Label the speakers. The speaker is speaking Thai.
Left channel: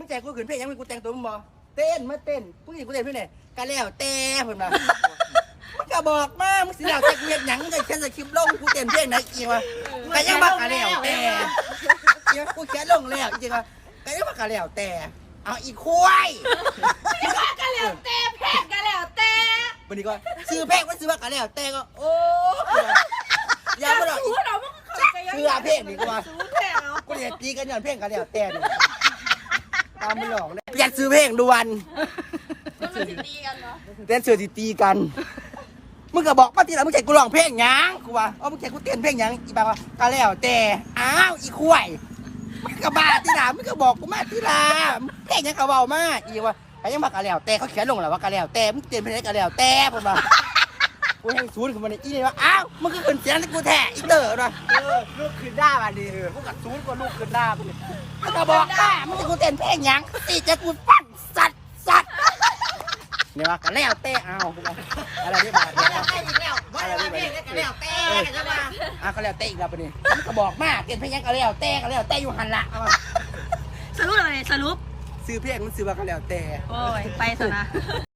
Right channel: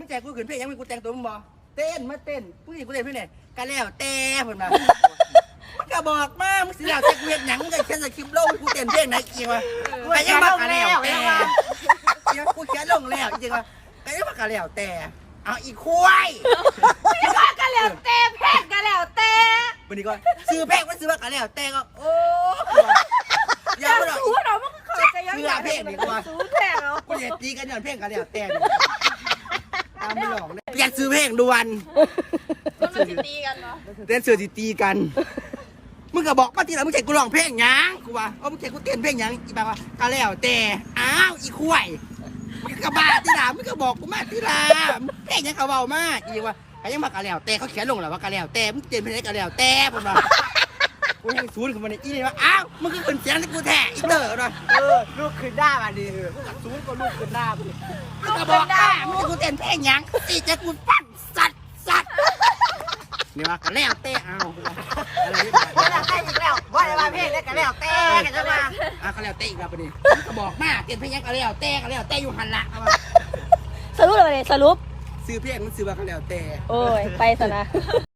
Speaker 1: งใจกูขืนเพลงยังมีกูแต่งตัวมึงบ่เต้นมาเต้นผู้หญิงกูเต้นเพื่อนไหนกันแล้วแต่เพื่อนมามึงก็บอกมามึงสิแล้วแต่กูเห็นหยังมึงก็เขียนสคริปต์ลงกูเต้นเพลงไหนอีกวะกันยังมากันแล้วแต่กูเขียนลงแล้วจริงวะกันยังมากันแล้วแต่เอาอีกควาย
Speaker 2: กันแล้วแต่แพงกันแล้วแต่
Speaker 1: วันนี้ก็ซื้อเพลงมันซื้อว่ากันแล้วแต่ก็โอ้ยาไม่หรอกซื้อเพลงดีกว่ากูจะตีกันย้อนเพลงกันแล้วแต่ตามไม่หลอกเลยเปลี่ยนซื้อเพลงด่วนเต้นเสือตีกันมึงก็บอกมาทีหลังมึงแข่งกูร้องเพลงยังกูว่ามึงแข่งกูเต้นเพลงยังอีบ้าว่ากันแล้วแต่อ้าวอีควายมึงก็บ้าทีหลังมึงก็บอกกูมาทีหลังเพลงยังเขาเบามากอีว่าแต่ยังมากันแล้วแต่เขาเขียนลงแล้วว่ากันแล้วแต่มึงเต้นเพลงกันแล้วแต่ผมว่ากูให้ศูนย์ขึ้นมาในอีเลยว่าอ้าวมึงก็เป็นเสียงที่กูแท้อีเตอร์นะลูกขึ้นได้มาดิศูนย์ก็ลูกขึ้นได้มึงก็บอกมึงจะกูเต้นเพลงยังตีจะกูปั้นสัตว์เนี่ยว่ากันแล้วแต่เอาอะไรที่มา
Speaker 2: แล้วแต่อีกแล้วว่าว่าเพลงกันแล้วแต่กันมา
Speaker 1: ก็แล้วแต่อีกแล้วปะนี่ก็บอกมาเต้นเพลงยังกันแล้วแต่อยู่หันละ
Speaker 3: สรุปเลยสรุป
Speaker 1: ซื้อเพลงมันซื้อว่ากันแล้วแต่
Speaker 3: โอ้ยไปซะนะ